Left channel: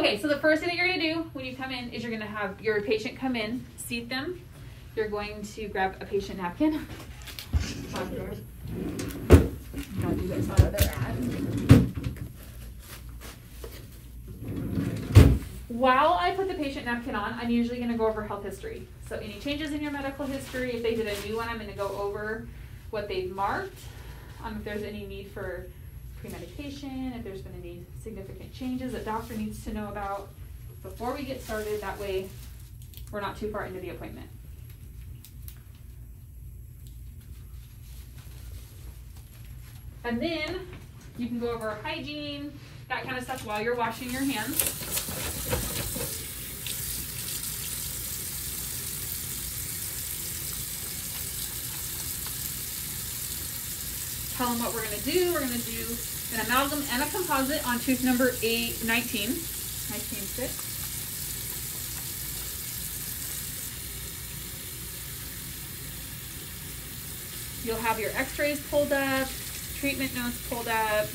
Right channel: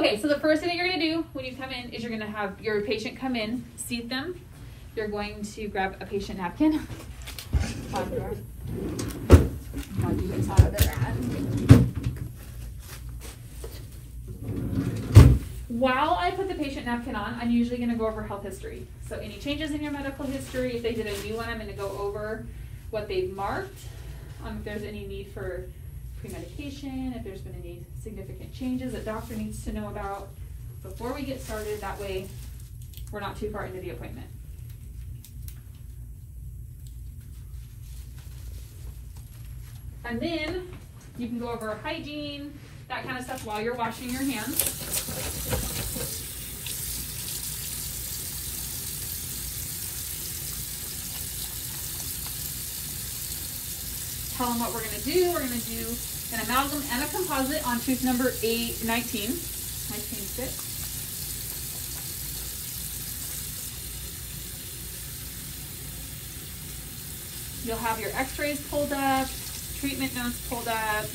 Okay, so the first thing that you're gonna do when you come in is you're gonna have your patient come in, seat them. You're going to grab a patient napkin. Don't do this out of their ad. While I put the patient napkin on, I'm usually gonna go over health history. So any changes in your medical history, if they did a new one, I'm gonna go over what they've marked, if there's any need for pre-medication, if there's been any significant changes that doctor needs to know about before we get started. That way we're not too far into the appointment. And then you can go over hygiene, that kind of stuff while you're washing your hands. Tell them what we're going to do. We're going to do an amalgam and a composite on tooth number 19. You'll have your x-rays pulled up, treatment notes pulled up.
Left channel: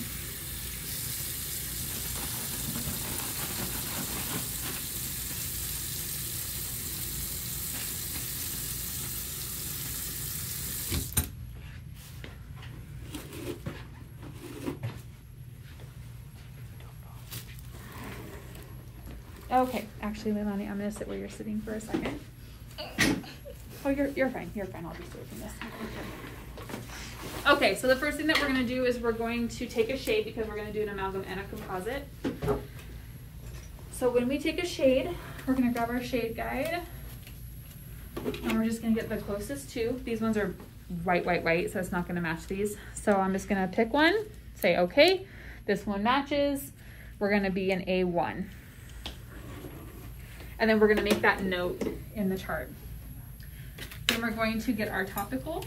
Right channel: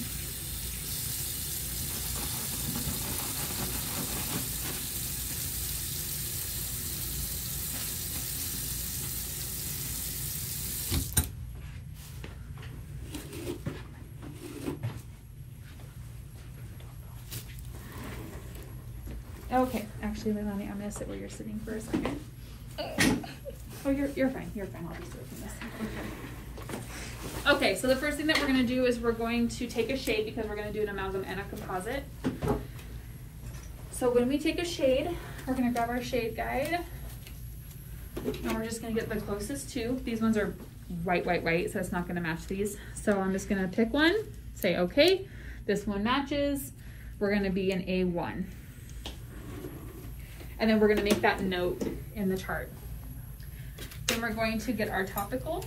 Okay, actually, Leilani, I'm gonna sit where you're sitting for a second. Oh, you're fine. You're fine. I'll just do it from this. Okay, so the first thing that we're gonna do is we're going to take a shade because we're gonna do an amalgam and a composite. So when we take a shade, we're gonna grab our shade guide, and we're just gonna get the closest two. These ones are white, so it's not gonna match these. So I'm just gonna pick one, say, okay, this one matches. We're gonna be an A1. And then we're gonna make that note in the chart. Then we're going to get our topical.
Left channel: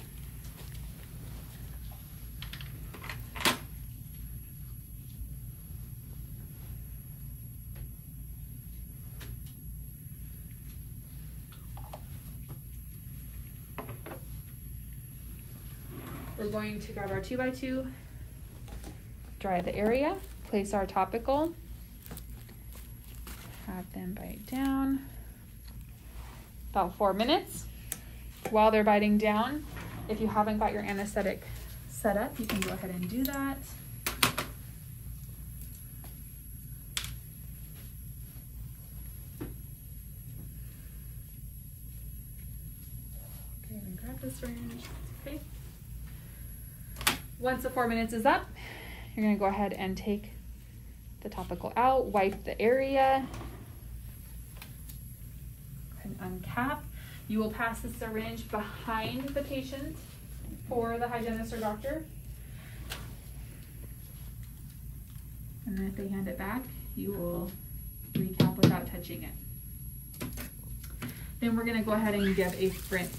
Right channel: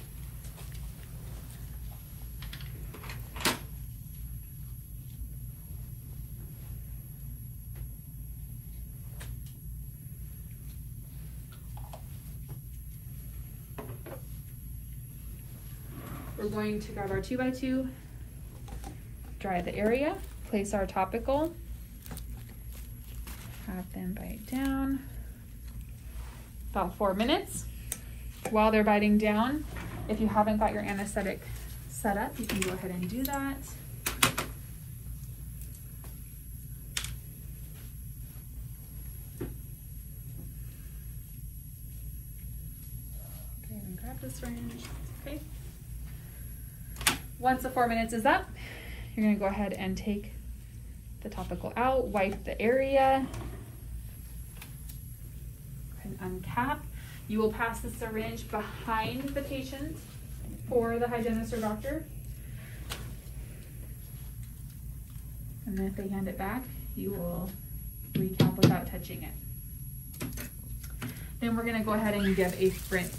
We're going to grab our 2x2, dry the area, place our topical, have them bite down about 4 minutes. While they're biting down, if you haven't got your anesthetic set up, you can go ahead and do that. Okay, and grab the syringe. Okay. Once the 4 minutes is up, you're gonna go ahead and take the topical out, wipe the area, and uncap. You will pass the syringe behind the patient for the hygienist or doctor. And then if they hand it back, you will recap without touching it. Then we're gonna go ahead and give a spritz.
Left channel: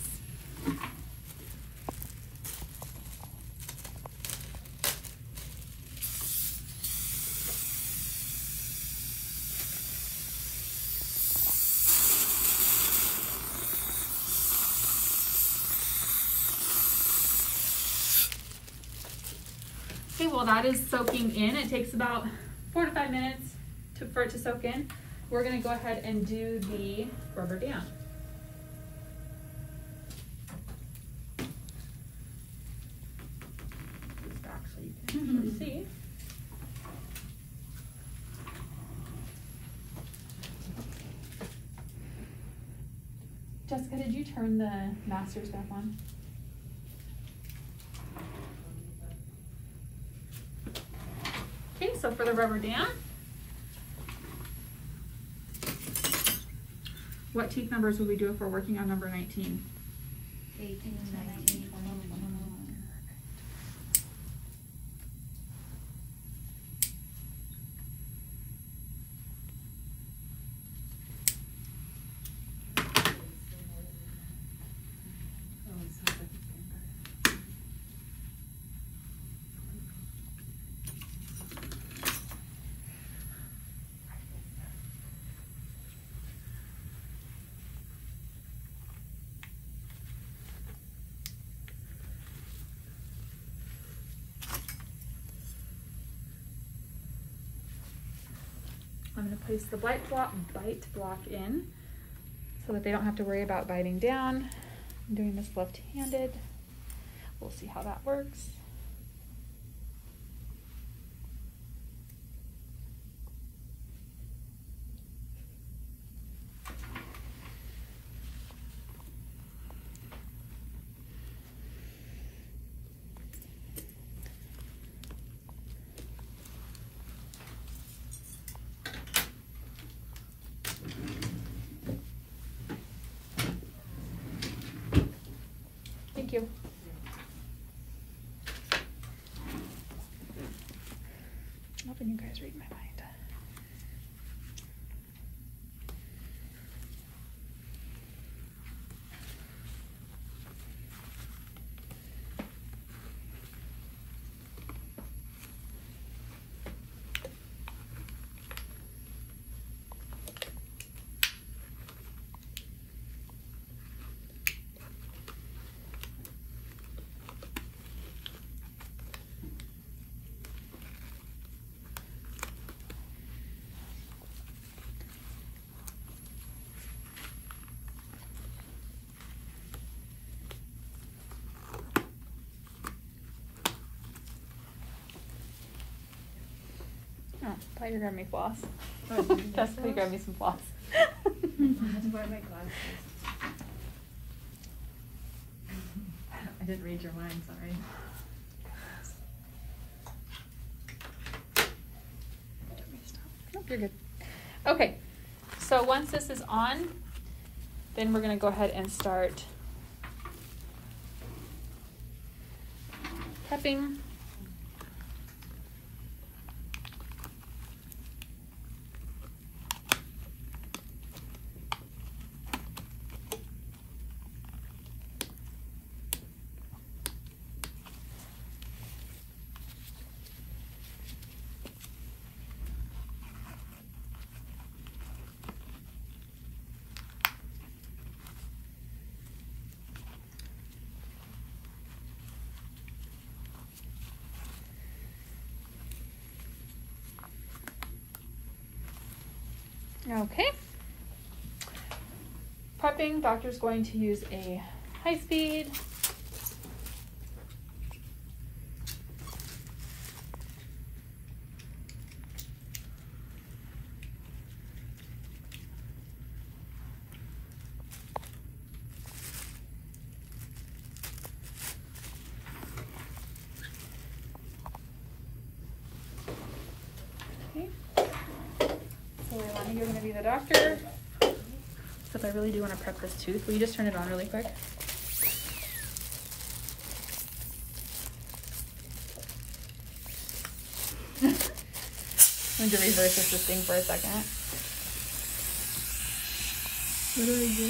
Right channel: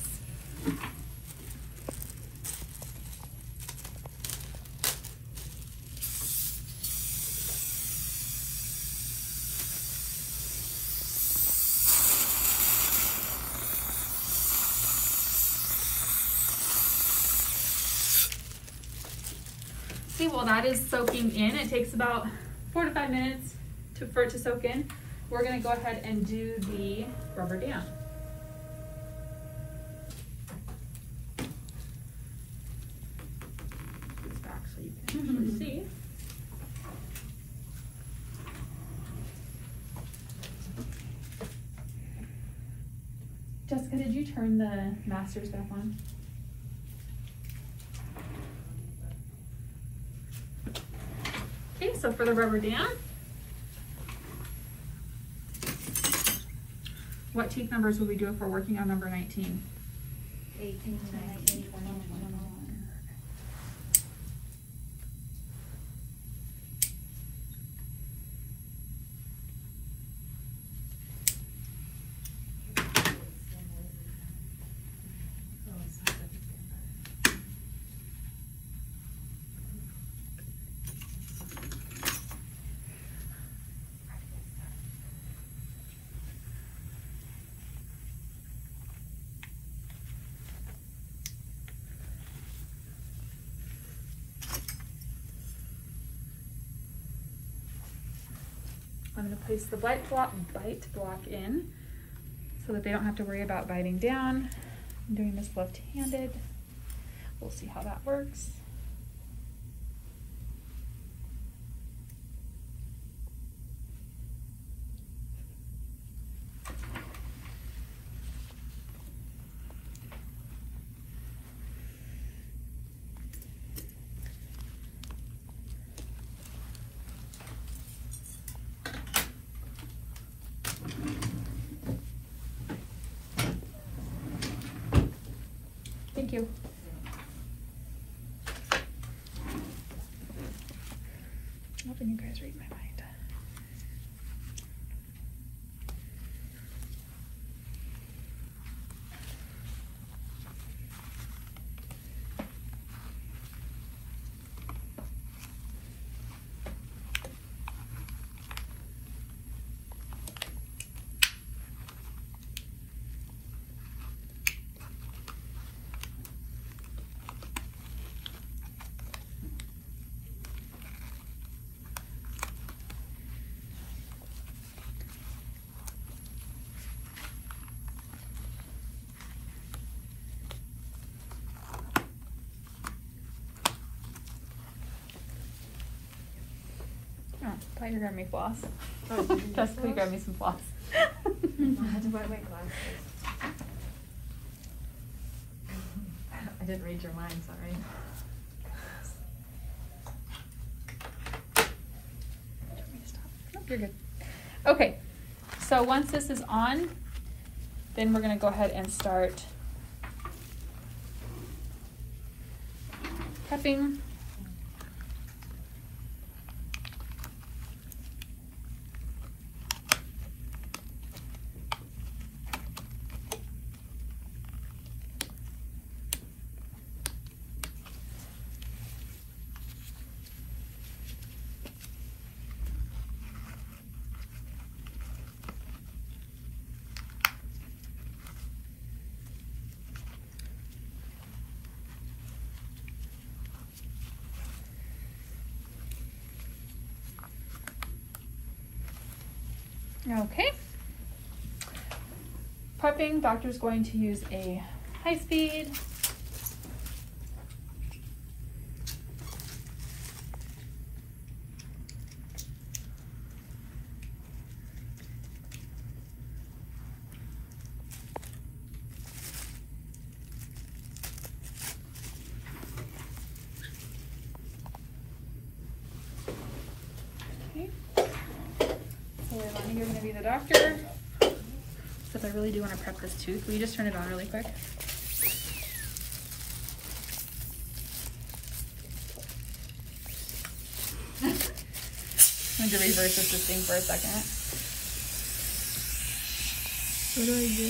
Okay, while that is soaking in, it takes about 4 to 5 minutes for it to soak in. We're gonna go ahead and do the rubber dam. Just back so you can actually see. Jessica, did you turn the master stuff on? Okay, so for the rubber dam, what tooth numbers would we do if we're working on number 19? 18, 19, 20, 21. I'm going to place the bite block in so that they don't have to worry about biting down. I'm doing this left-handed. We'll see how that works. Thank you. I'm hoping you guys read my mind. I thought you grabbed me floss. Oh, did you Just you grabbed me some floss. I had to buy my glasses. I didn't read your mind, sorry. Nope, you're good. Okay, so once this is on, then we're going to go ahead and start prepping. Okay. Prepping, doctor's going to use a high speed. You're gonna be the doctor. Because I really do want to prep this tooth. Will you just turn it on really quick? I'm going to reverse this thing for a second. What do I do?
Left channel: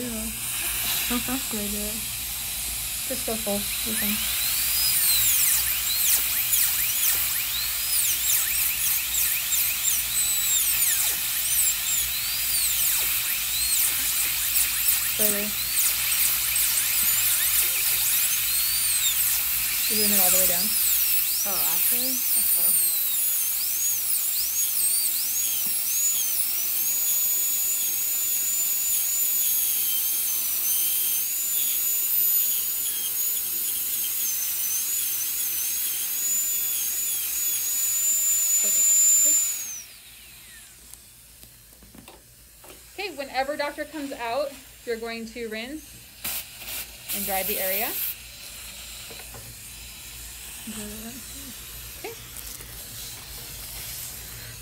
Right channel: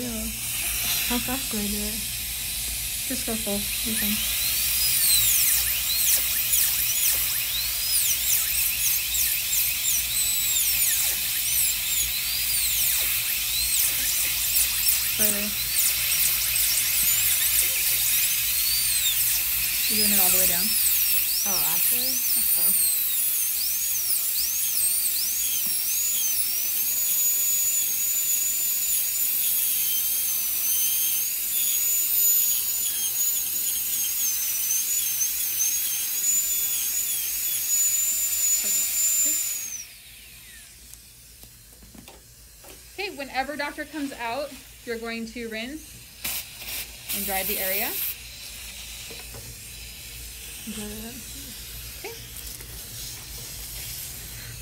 How fast do I do it? Just go full. You can. You're doing it all the way down. Oh, okay. Okay. Okay, whenever doctor comes out, you're going to rinse and dry the area. Okay.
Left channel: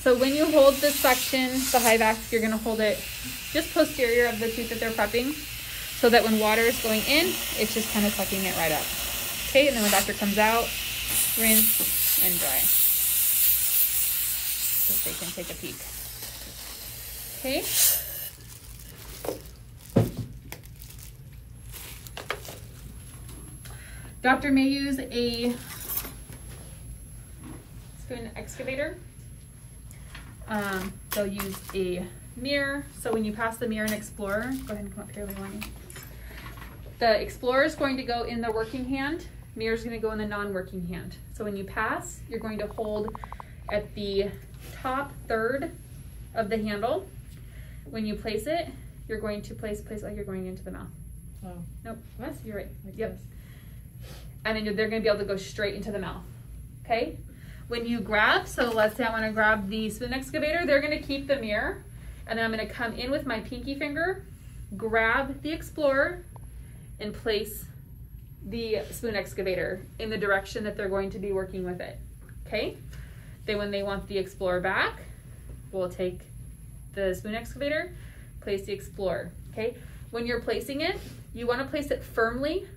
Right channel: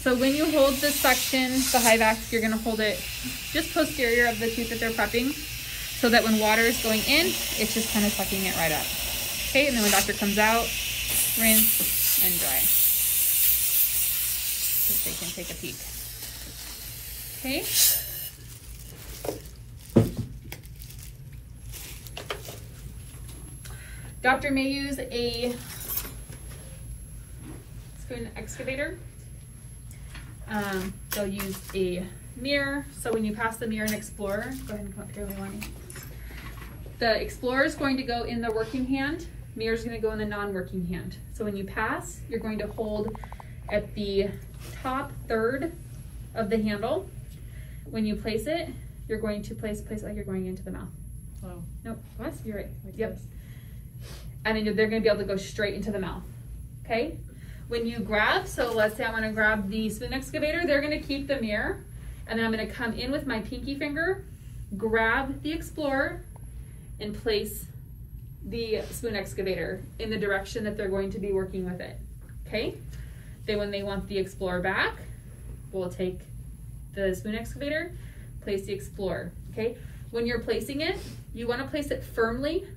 So when you hold this section, the high vac, you're going to hold it just posterior of the tooth that they're prepping, so that when water is going in, it's just kind of sucking it right up. Okay, and then when doctor comes out, rinse and dry, so they can take a peek. Okay. Doctor may use a spoon excavator. They'll use a mirror. So when you pass the mirror and Explorer, go ahead and come up here, Leilani. The Explorer is going to go in the working hand. Mirror is going to go in the non-working hand. So when you pass, you're going to hold at the top third of the handle. When you place it, you're going to place like you're going into the mouth. Oh. Nope, what? You're right. Like Yep. this. And then they're gonna be able to go straight into the mouth, okay? When you grab, so let's say I wanna grab the spoon excavator, they're gonna keep the mirror, and then I'm gonna come in with my pinky finger, grab the Explorer, and place the spoon excavator in the direction that they're going to be working with it, okay? Then when they want the Explorer back, we'll take the spoon excavator, place the Explorer, okay? When you're placing it, you wanna place it firmly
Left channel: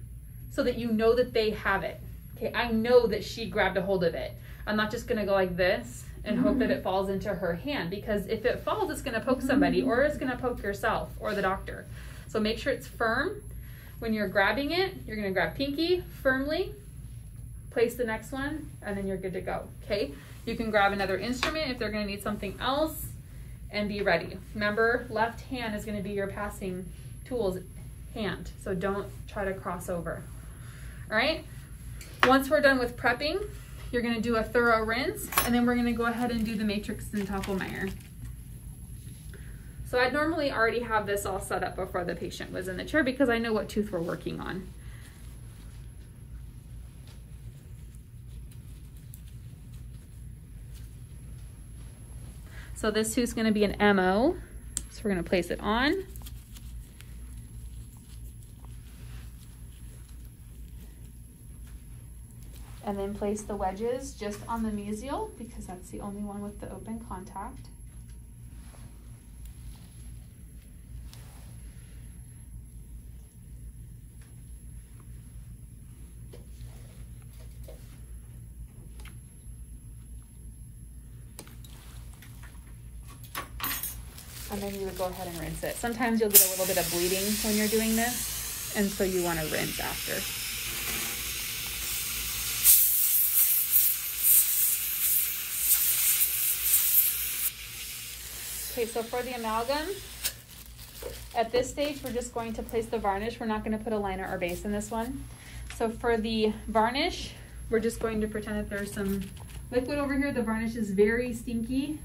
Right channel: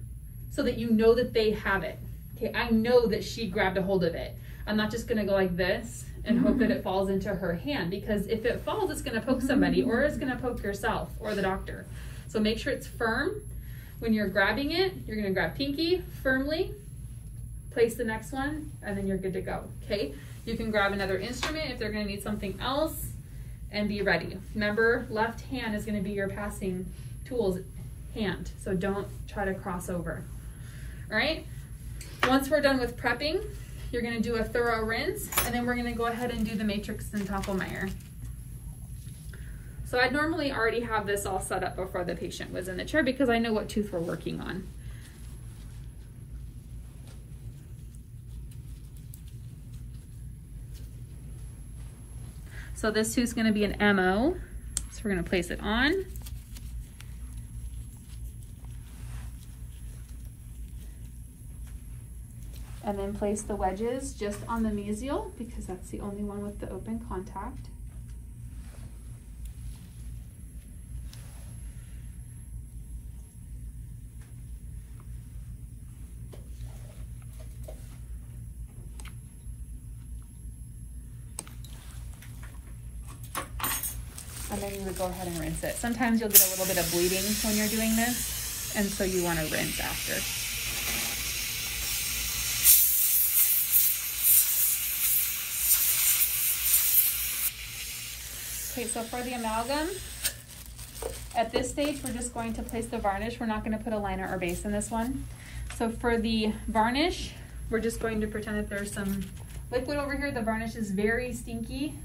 so that you know that they have it. Okay, I know that she grabbed a hold of it. I'm not just gonna go like this and hope that it falls into her hand, because if it falls, it's gonna poke somebody, or it's gonna poke yourself or the doctor. So make sure it's firm. When you're grabbing it, you're gonna grab pinky firmly, place the next one, and then you're good to go, okay? You can grab another instrument if they're gonna need something else, and be ready. Remember, left hand is gonna be your passing tools hand, so don't try to cross over. All right, once we're done with prepping, you're gonna do a thorough rinse, and then we're gonna go ahead and do the matrix and Tonkelmeyer. So I'd normally already have this all set up before the patient was in the chair because I know what tooth we're working on. So this tooth's gonna be an MO, so we're gonna place it on. And then place the wedges just on the mesial because that's the only one with the open contact. And then you would go ahead and rinse it. Sometimes you'll get a little bit of bleeding when you're doing this, and so you want to rinse after. Okay, so for the amalgam, at this stage, we're just going to place the varnish. We're not going to put a liner or base in this one. So for the varnish, we're just going to pretend that there's some liquid over here. The varnish is very stinky,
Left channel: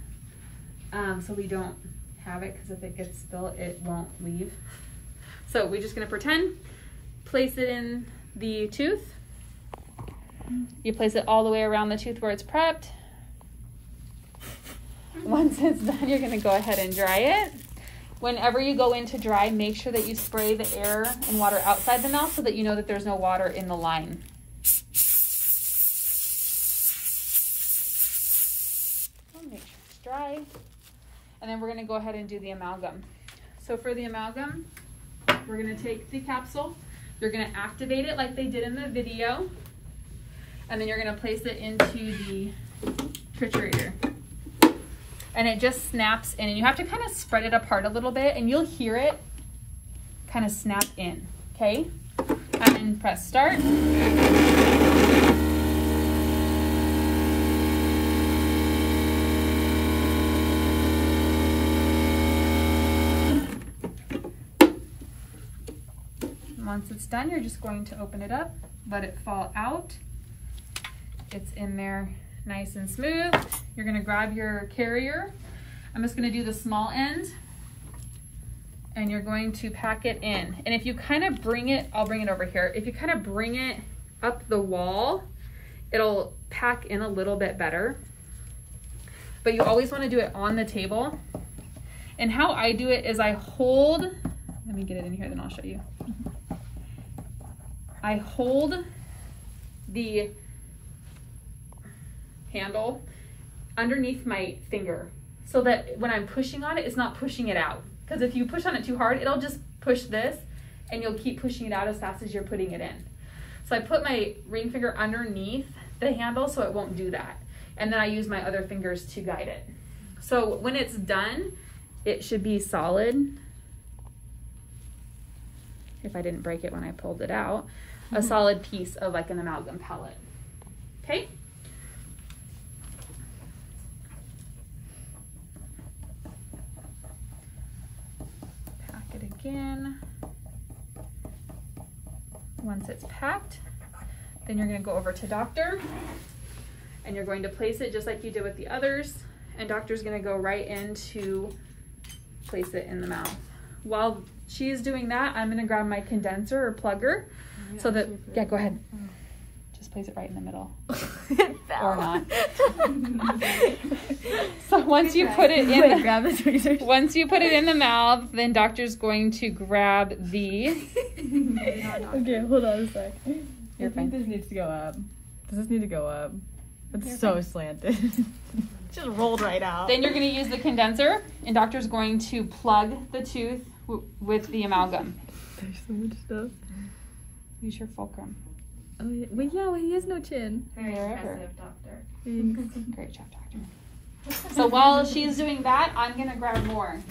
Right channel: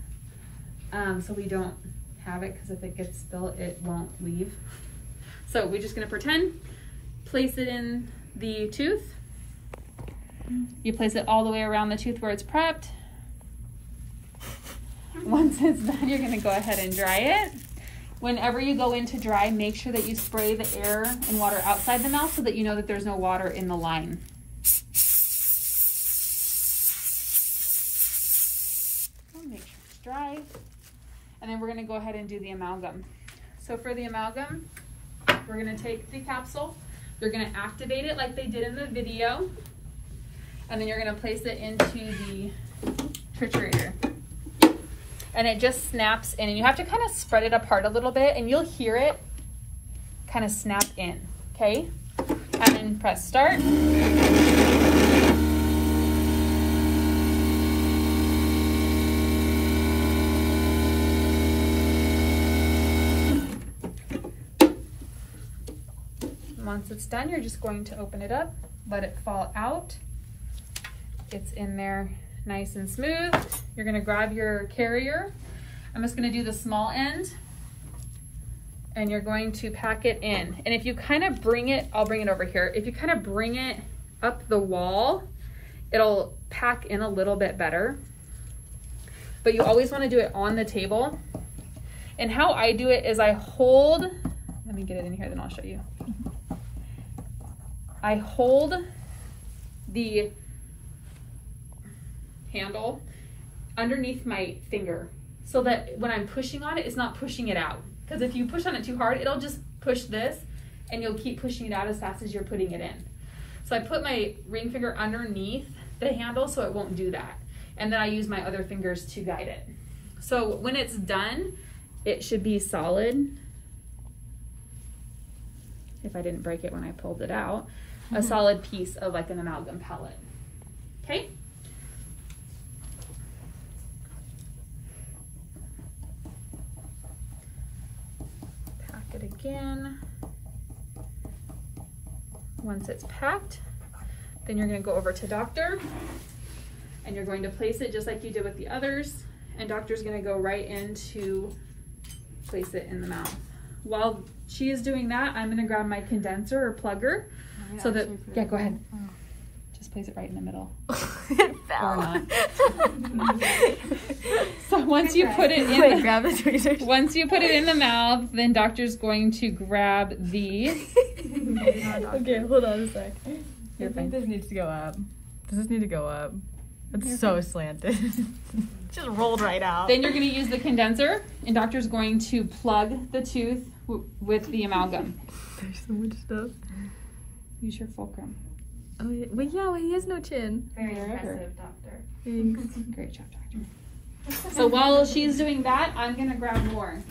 so we don't have it because if it gets spilled, it won't leave. So we're just going to pretend, place it in the tooth. You place it all the way around the tooth where it's prepped. Once it's done, you're gonna go ahead and dry it. Whenever you go in to dry, make sure that you spray the air and water outside the mouth so that you know that there's no water in the line. Okay, make sure it's dry. And then we're gonna go ahead and do the amalgam. So for the amalgam, we're gonna take the capsule, you're gonna activate it like they did in the video, and then you're gonna place it into the triturator. And it just snaps in, and you have to kind of spread it apart a little bit, and you'll hear it kind of snap in, okay? And then press start. Once it's done, you're just going to open it up, let it fall out. It's in there nice and smooth. You're gonna grab your carrier. I'm just gonna do the small end, and you're going to pack it in. And if you kind of bring it, I'll bring it over here. If you kind of bring it up the wall, it'll pack in a little bit better. But you always wanna do it on the table. And how I do it is I hold, let me get it in here, then I'll show you. I hold the handle underneath my finger so that when I'm pushing on it, it's not pushing it out. Because if you push on it too hard, it'll just push this and you'll keep pushing it out as fast as you're putting it in. So I put my ring finger underneath the handle so it won't do that. And then I use my other fingers to guide it. So when it's done, it should be solid. If I didn't break it when I pulled it out, a solid piece of like an amalgam pellet. Okay? Pack it again. Once it's packed, then you're going to go over to doctor and you're going to place it just like you did with the others, and doctor's gonna go right in to place it in the mouth. While she is doing that, I'm gonna grab my condenser or plugger so that, yeah, go ahead. Just place it right in the middle. Or not. So once you put it in, once you put it in the mouth, then doctor's going to grab the. Okay, hold on a sec. You're I fine. think this needs to go up. Does this need to go up? It's You're so fine. slanted. Just rolled right out. Then you're going to use the condenser, and doctor's going to plug the tooth with the amalgam. There's so much stuff. Use your fulcrum. Oh, yeah. But yeah, he has no chin. Very impressive, doctor. Great job, doctor. So while she's doing that, I'm going to grab more.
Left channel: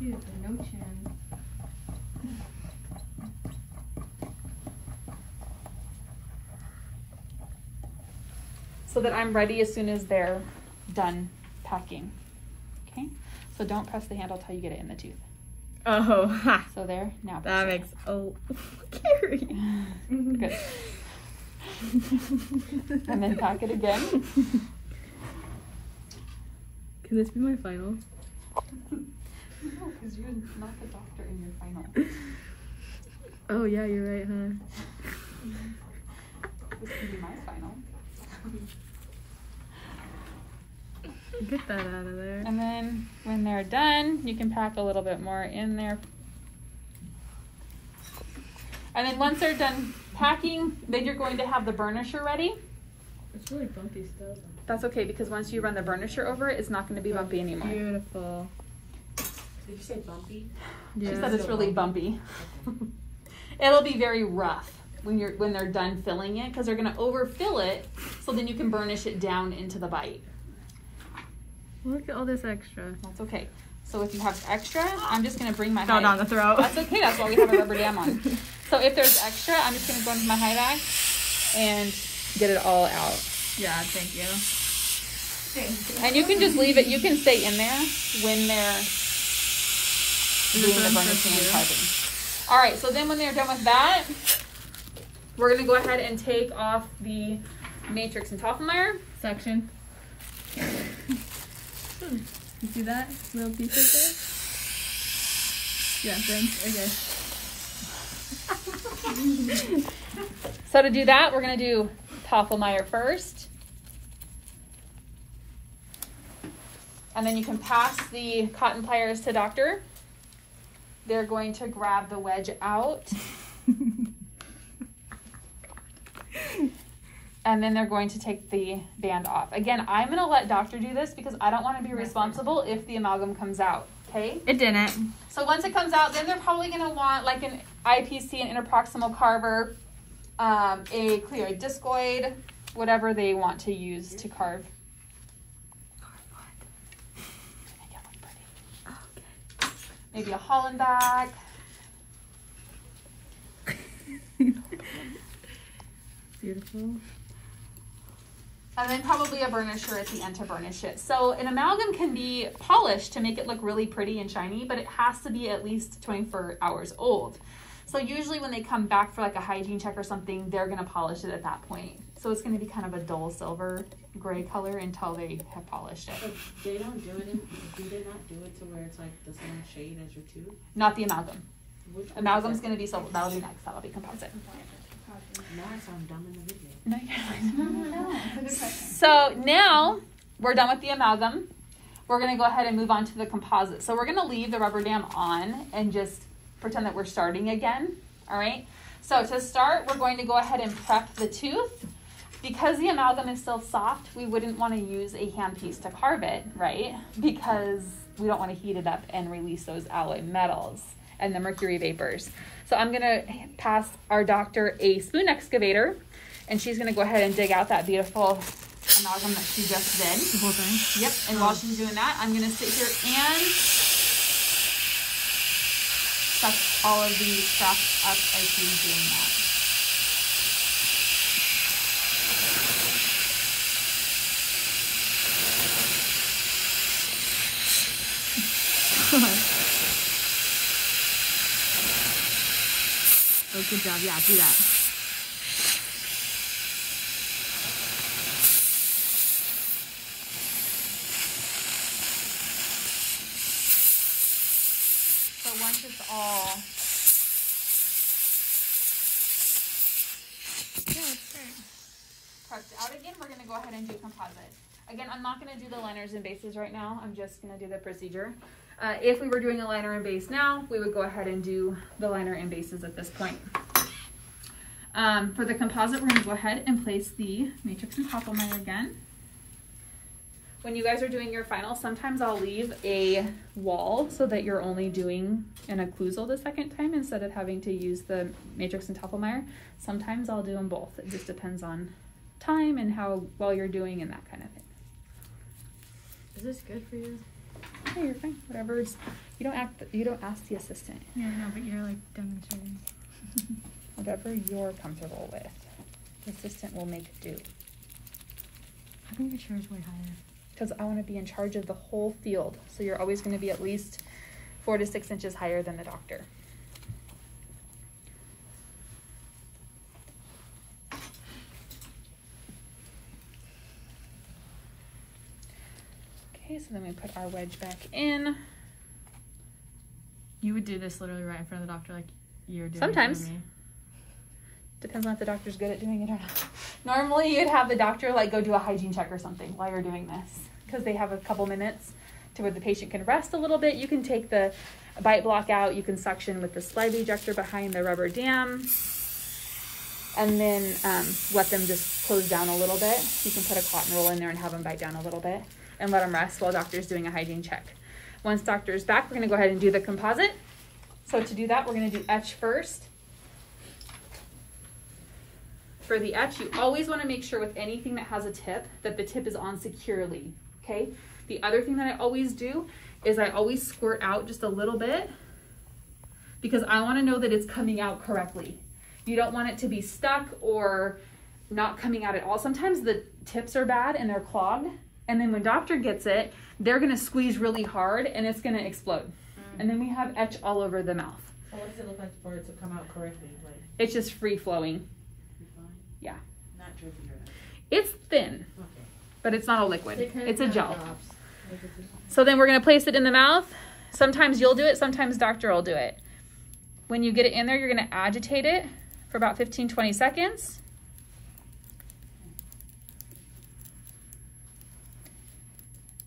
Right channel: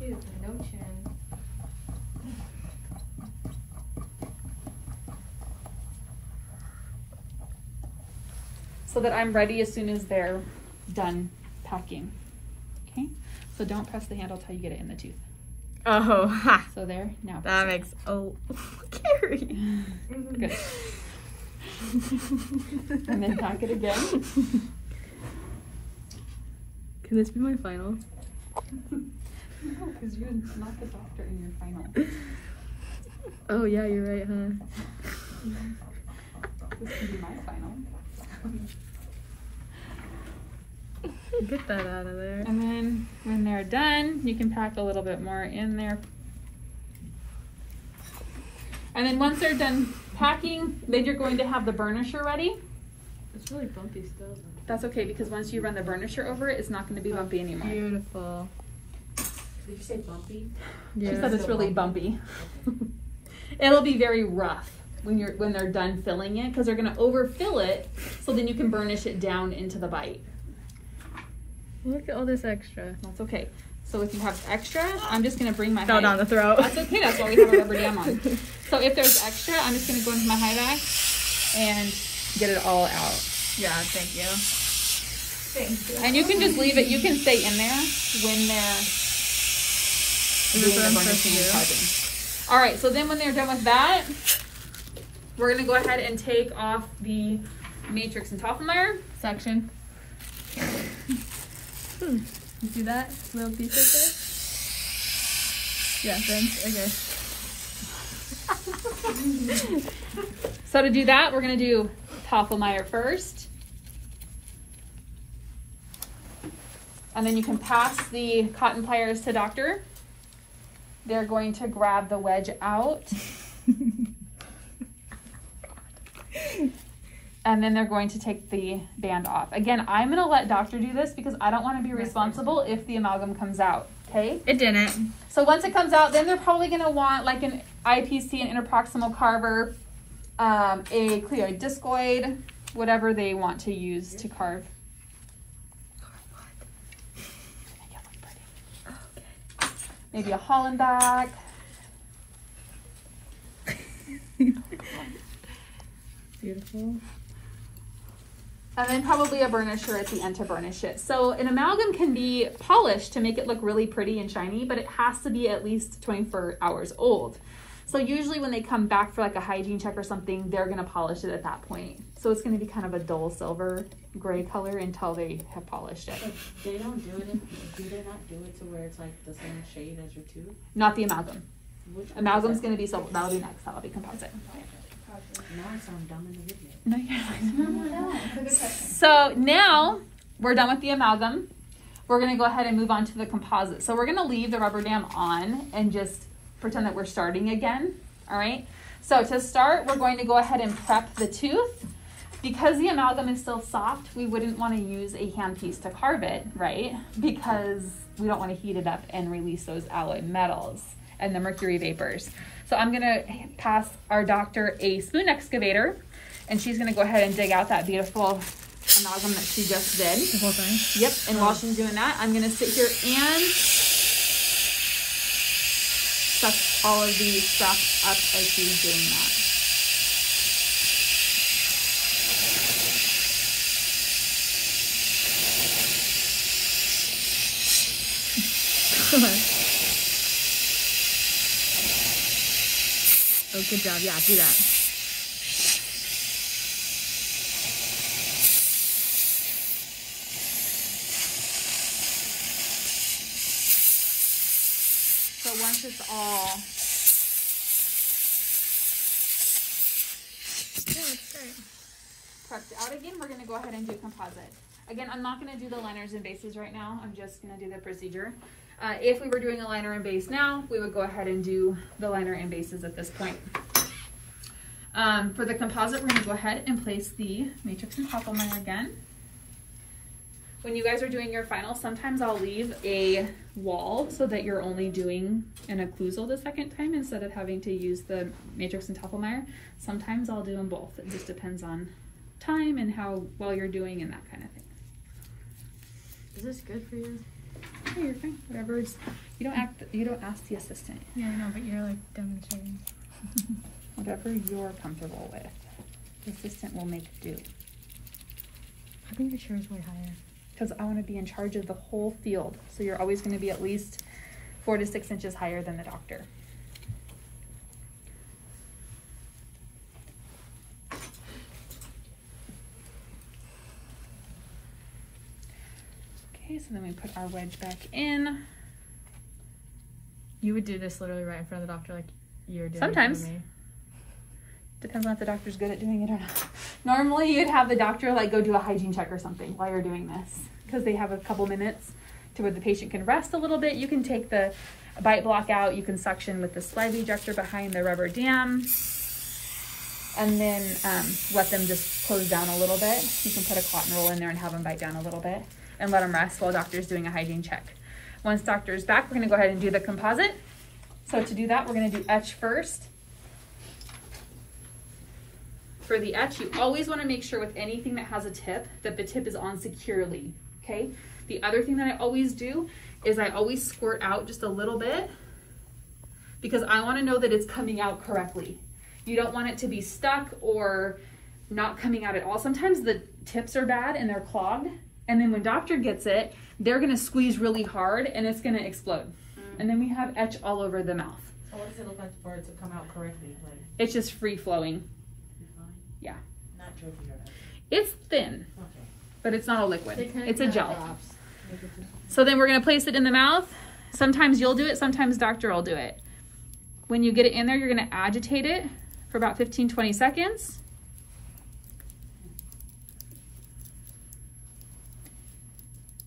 Dude, no chin. So that I'm ready as soon as they're done packing. Okay? So don't press the handle till you get it in the tooth. Oh, ha. So there, now. That makes, oh, Carrie. Good. And then pack it again. Can this be my final? No, because you're not the doctor in your final. Oh yeah, you're right, huh? This can be my final. Get that out of there. And then when they're done, you can pack a little bit more in there. And then once they're done packing, then you're going to have the burnisher ready. It's really bumpy stuff. That's okay, because once you run the burnisher over it, it's not going to be bumpy anymore. Beautiful. Did you say bumpy? She Yeah. said it's really bumpy. It'll be very rough when they're done filling it, because they're going to overfill it, so then you can burnish it down into the bite. Look at all this extra. That's okay. So if you have extra, I'm just going to bring my Fell down the throat. That's okay. That's why we have a rubber dam on. So if there's extra, I'm just going to go into my high back and get it all out. Yeah, thank you. Thank you. And you can just leave it. You can stay in there when they're Is this what I'm supposed to burnishing and do? piping. All right. So then when they're done with that, we're going to go ahead and take off the matrix and Toffelmeyer. Section. You see that little piece right there? Yeah, friends. Okay. So to do that, we're going to do Toffelmeyer first. And then you can pass the cotton pliers to doctor. They're going to grab the wedge out. And then they're going to take the band off. Again, I'm going to let doctor do this because I don't want to be responsible if the amalgam comes out, okay? It didn't. So once it comes out, then they're probably going to want like an IPC, an interproximal carver, a cleoid discoid, whatever they want to use to carve. Maybe a Hollenbach. Beautiful. And then probably a burnisher at the end to burnish it. So an amalgam can be polished to make it look really pretty and shiny, but it has to be at least 24 hours old. So usually when they come back for like a hygiene check or something, they're gonna polish it at that point. So it's gonna be kind of a dull silver gray color until they have polished it. So they don't do it, do they not do it to where it's like the same shade as your tooth? Not the amalgam. Which one Amalgam's is that? gonna be silver. That'll be next. That'll be composite. Now I sound dumb in the video. No, you're No, it's a good question. So now we're done with the amalgam. We're gonna go ahead and move on to the composite. So we're gonna leave the rubber dam on and just pretend that we're starting again, all right? So to start, we're going to go ahead and prep the tooth. Because the amalgam is still soft, we wouldn't wanna use a handpiece to carve it, right? Because we don't wanna heat it up and release those alloy metals and the mercury vapors. So I'm gonna pass our doctor a spoon excavator, and she's gonna go ahead and dig out that beautiful amalgam that she just did. The whole thing? Yep, and while she's doing that, I'm gonna sit here and suck all of the scraps up as she's doing that. Oh, good job. Yeah, do that. So once it's all, tucked out again, we're gonna go ahead and do composite. Again, I'm not gonna do the liners and bases right now. I'm just gonna do the procedure. If we were doing a liner and base now, we would go ahead and do the liner and bases at this point. For the composite, we're gonna go ahead and place the matrix and toppliner again. When you guys are doing your final, sometimes I'll leave a wall so that you're only doing an occlusal the second time instead of having to use the matrix and toppliner. Sometimes I'll do them both. It just depends on time and how well you're doing and that kind of thing. Is this good for you? Oh, you're fine. Whatever's, you don't ask the assistant. Yeah, I know, but you're like demonstrating. Whatever you're comfortable with. The assistant will make do. How come your chair is way higher? Because I want to be in charge of the whole field. So you're always going to be at least 4 to 6 inches higher than the doctor. Okay, so then we put our wedge back in. You would do this literally right in front of the doctor like you're doing Sometimes. it for me. Depends on if the doctor's good at doing it or not. Normally you'd have the doctor like go do a hygiene check or something while you're doing this because they have a couple minutes to where the patient can rest a little bit. You can take the bite block out. You can suction with the slide ejector behind the rubber dam and then let them just close down a little bit. You can put a cotton roll in there and have them bite down a little bit and let them rest while doctor's doing a hygiene check. Once doctor's back, we're gonna go ahead and do the composite. So to do that, we're gonna do etch first. For the etch, you always want to make sure with anything that has a tip that the tip is on securely, okay? The other thing that I always do is I always squirt out just a little bit because I want to know that it's coming out correctly. You don't want it to be stuck or not coming out at all. Sometimes the tips are bad and they're clogged, and then when doctor gets it, they're going to squeeze really hard and it's going to explode. And then we have etch all over the mouth. So what's it look like for it to come out correctly? Like, It's just free flowing. Yeah. not tricky or nothing. It's thin, Okay. but it's not a liquid. So It's a gel. drops. Make it So then we're gonna place it in the mouth. Sometimes you'll do it, sometimes doctor will do it. When you get it in there, you're gonna agitate it for about 15, 20 seconds.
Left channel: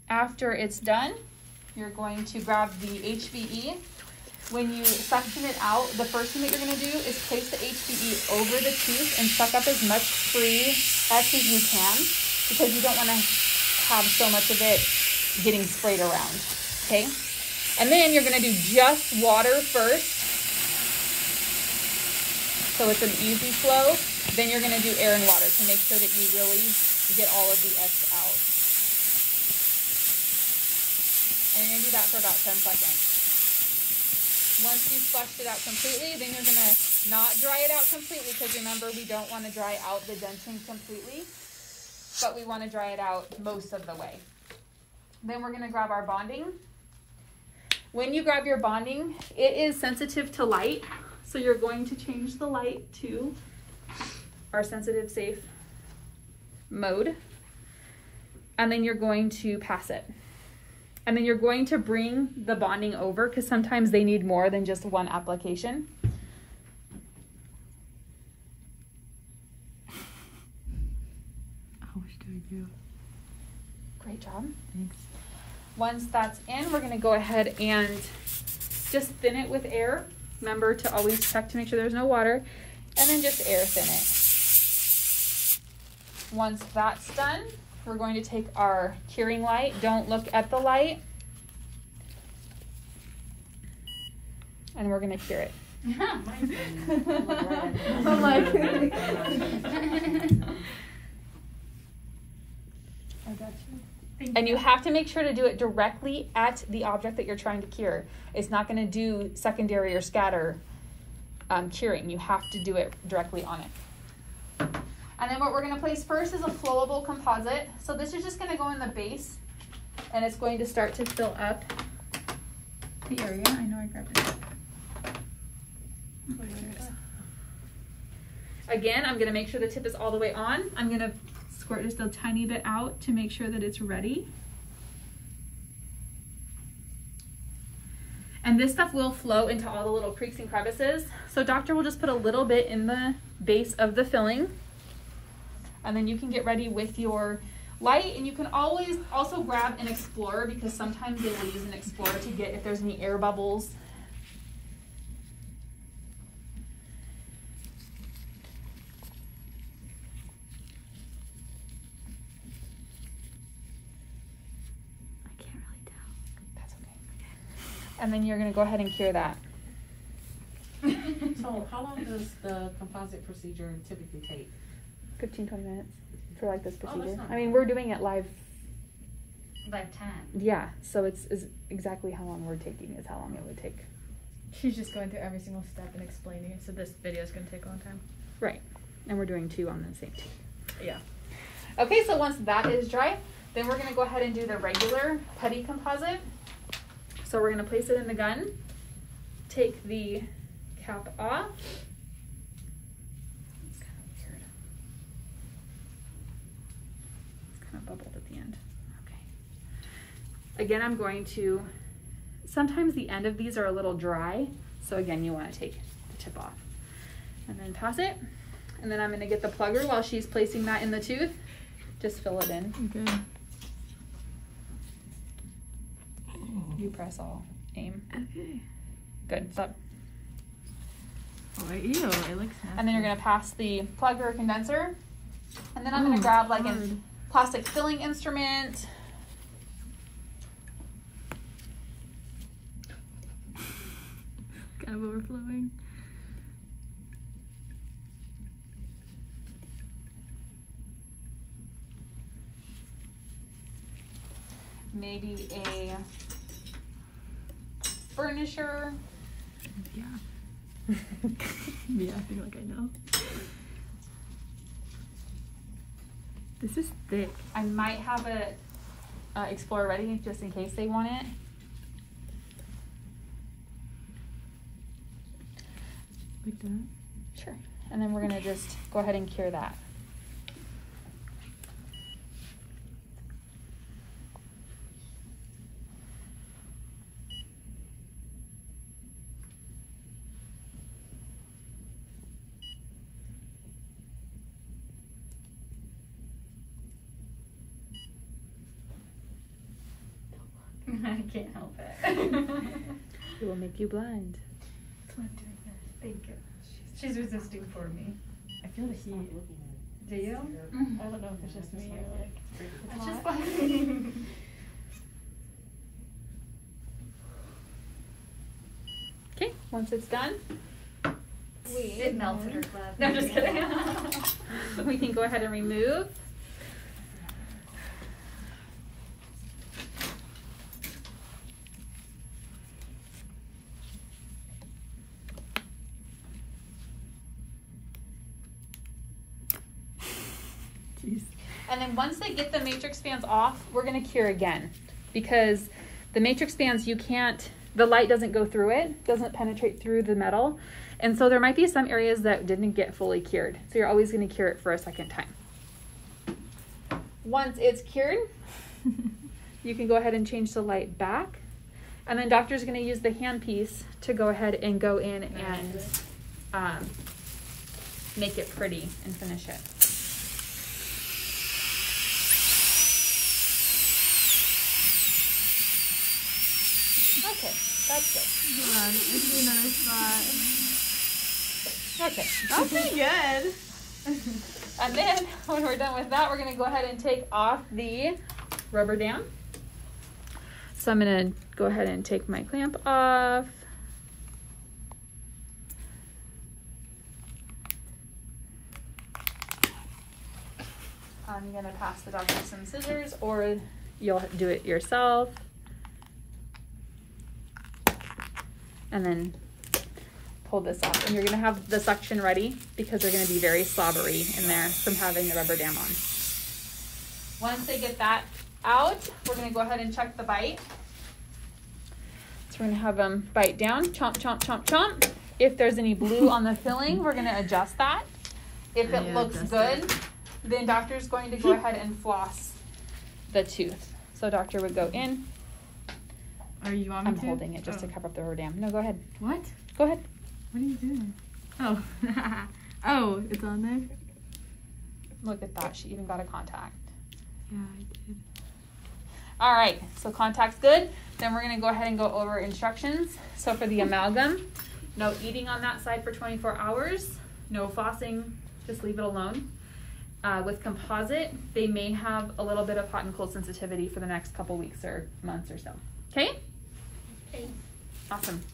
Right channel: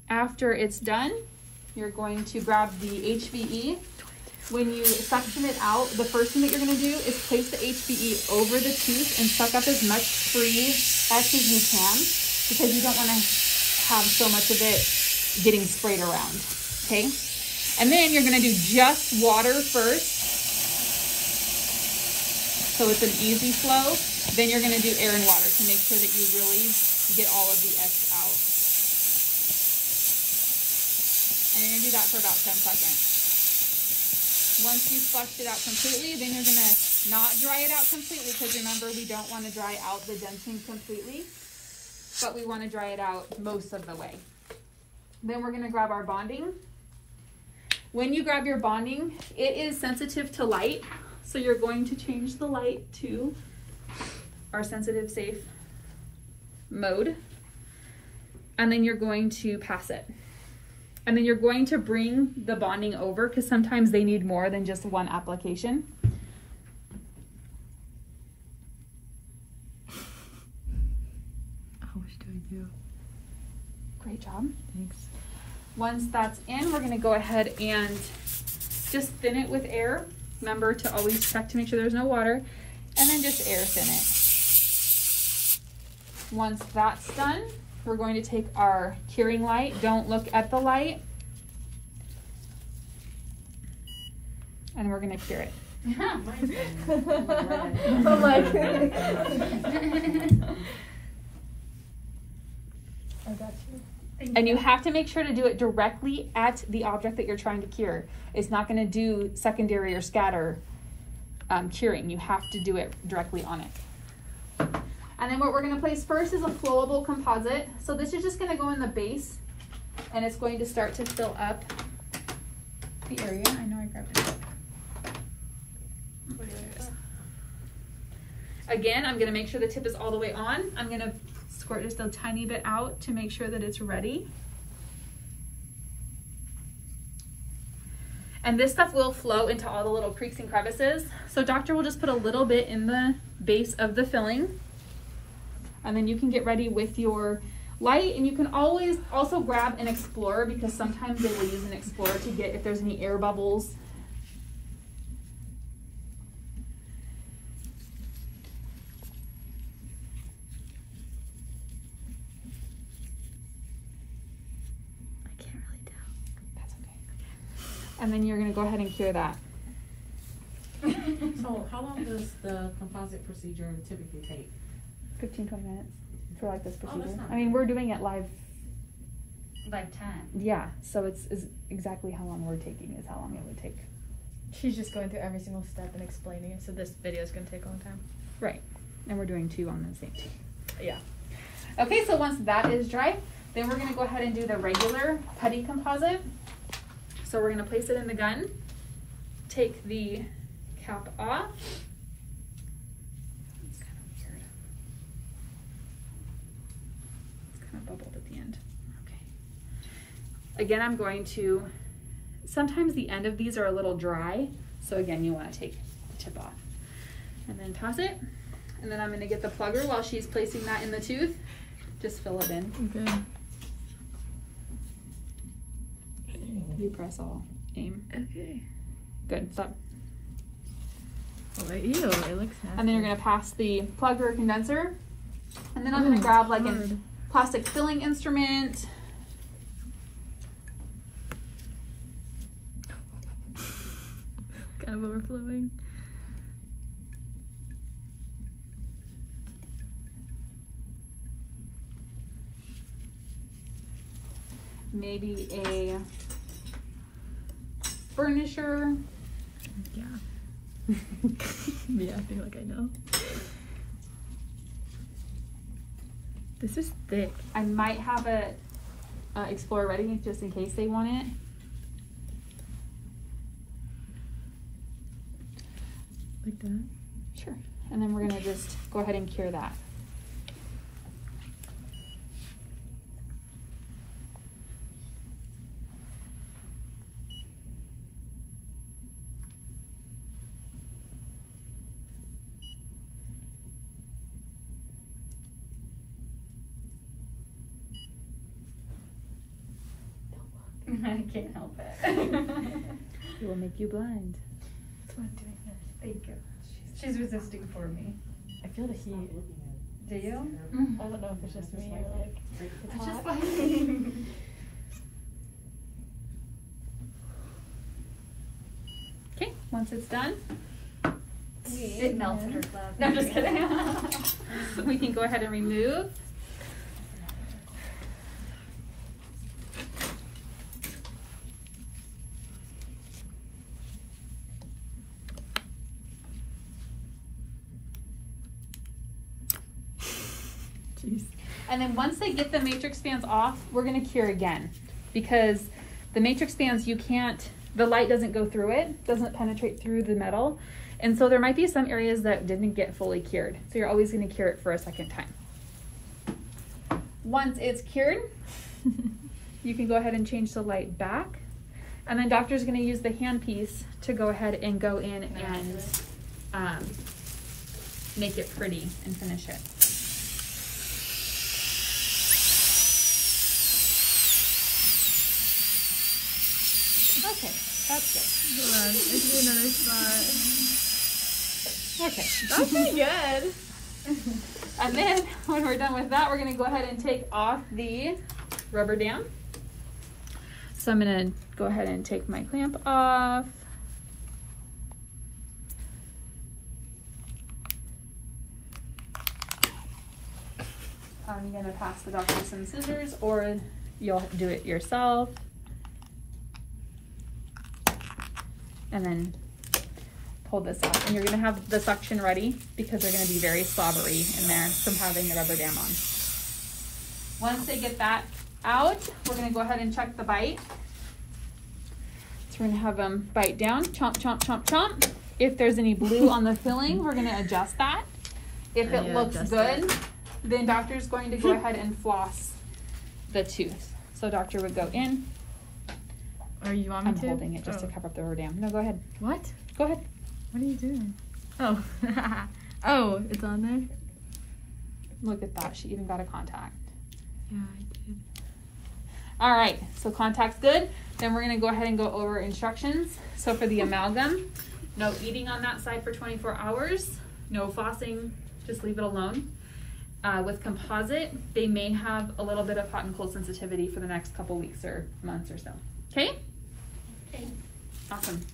After it's done, you're going to grab the HVE. When you suction it out, the first thing that you're gonna do is place the HVE over the tooth and suck up as much free etch as you can because you don't wanna have so much of it getting sprayed around, okay? And then you're gonna do just water first. So it's an easy flow. Then you're gonna do air and water to make sure that you really get all of the etch out. And you're gonna do that for about 10 seconds. Once you've flushed it out completely, then you're gonna not dry it out completely because remember, we don't wanna dry out the dentin completely, but we wanna dry it out most of the way. Then we're gonna grab our bonding. When you grab your bonding, it is sensitive to light, so you're going to change the light to our sensitive safe mode, and then you're going to pass it. And then you're going to bring the bonding over because sometimes they need more than just one application. How much do I do? Great job. Thanks. Once that's in, we're gonna go ahead and just thin it with air. Remember to always check to make sure there's no water, and then just air thin it. Once that's done, we're going to take our curing light. Don't look at the light. And we're gonna cure it. I'm like, I got you. And you have to make sure to do it directly at the object that you're trying to cure. It's not gonna do secondary or scatter curing. You have to do it directly on it. And then what we're gonna place first is a flowable composite. So this is just gonna go in the base and it's going to start to fill up the area. I know I grabbed it. Okay, there it is. Again, I'm gonna make sure the tip is all the way on. I'm gonna squirt just a tiny bit out to make sure that it's ready. And this stuff will flow into all the little creaks and crevices. So doctor will just put a little bit in the base of the filling. And then you can get ready with your light, and you can always also grab an Explorer, because sometimes they will use an Explorer to get if there's any air bubbles. I can't really tell. That's okay. And then you're gonna go ahead and cure that. So how long does the composite procedure typically take? 15-20 minutes for like this that's procedure. not I mean, we're doing it live. Like time. Yeah, so it's exactly how long we're taking is how long it would take. She's just going through every single step and explaining it, so this video is going to take a long time. Right, and we're doing 2 on the same tooth. Yeah. Okay, so once that is dry, then we're gonna go ahead and do the regular putty composite. So we're gonna place it in the gun, take the cap off. It's kind of weird. It's kind of bubbled at the end. Okay. Again, I'm going to, sometimes the end of these are a little dry. So again, you wanna take the tip off. And then toss it. And then I'm gonna get the plugger while she's placing that in the tooth. Just fill it in. Okay. You press all. Aim. Okay. Good. Stop. Oh, ew, it looks nasty. And then you're gonna pass the plug or condenser. And then I'm gonna grab like a plastic filling instrument. Kind of overflowing. Maybe a burnisher. Yeah. Yeah, I think like I know. This is thick. I might have a Explorer ready just in case they want it. Like that? Sure. And then we're gonna just go ahead and cure that. I can't help it. It will make you blind. That's why I'm doing this. Thank you. She's resisting for me. I feel the heat. Do you? I don't know if it's just me or like it's hot. Okay, once it's done, It melted her glove. No, I'm just kidding. we can go ahead and remove. Jeez. And then once they get the matrix bands off, we're gonna cure again, because the matrix bands, you can't, the light doesn't go through it, doesn't penetrate through the metal. And so there might be some areas that didn't get fully cured. So you're always gonna cure it for a second time. Once it's cured, you can go ahead and change the light back. And then doctor's gonna use the handpiece to go ahead and go in and make it pretty and finish it. Okay, that's good. Hold on, let's do another spot. Okay. That's pretty good. And then when we're done with that, we're gonna go ahead and take off the rubber dam. So I'm gonna go ahead and take my clamp off. I'm gonna pass the doctor some scissors, or you'll do it yourself. And then pull this off. And you're gonna have the suction ready because they're gonna be very slobbery in there from having the rubber dam on. Once they get that out, we're gonna go ahead and check the bite. So we're gonna have them bite down, chomp, chomp, chomp, chomp. If there's any blue on the filling, we're gonna adjust that. If it looks good, then doctor's going to go ahead and floss the tooth. So doctor would go in, Or you want me I'm to? holding it just to cover up the rodam. No, go ahead. What? Go ahead. What are you doing? Oh. Oh, it's on there? Look at that. She even got a contact. Yeah, I did. All right, so contact's good. Then we're gonna go ahead and go over instructions. So for the amalgam, no eating on that side for 24 hours, no flossing, just leave it alone. With composite, they may have a little bit of hot and cold sensitivity for the next couple weeks or months or so. Okay? Okay. Awesome.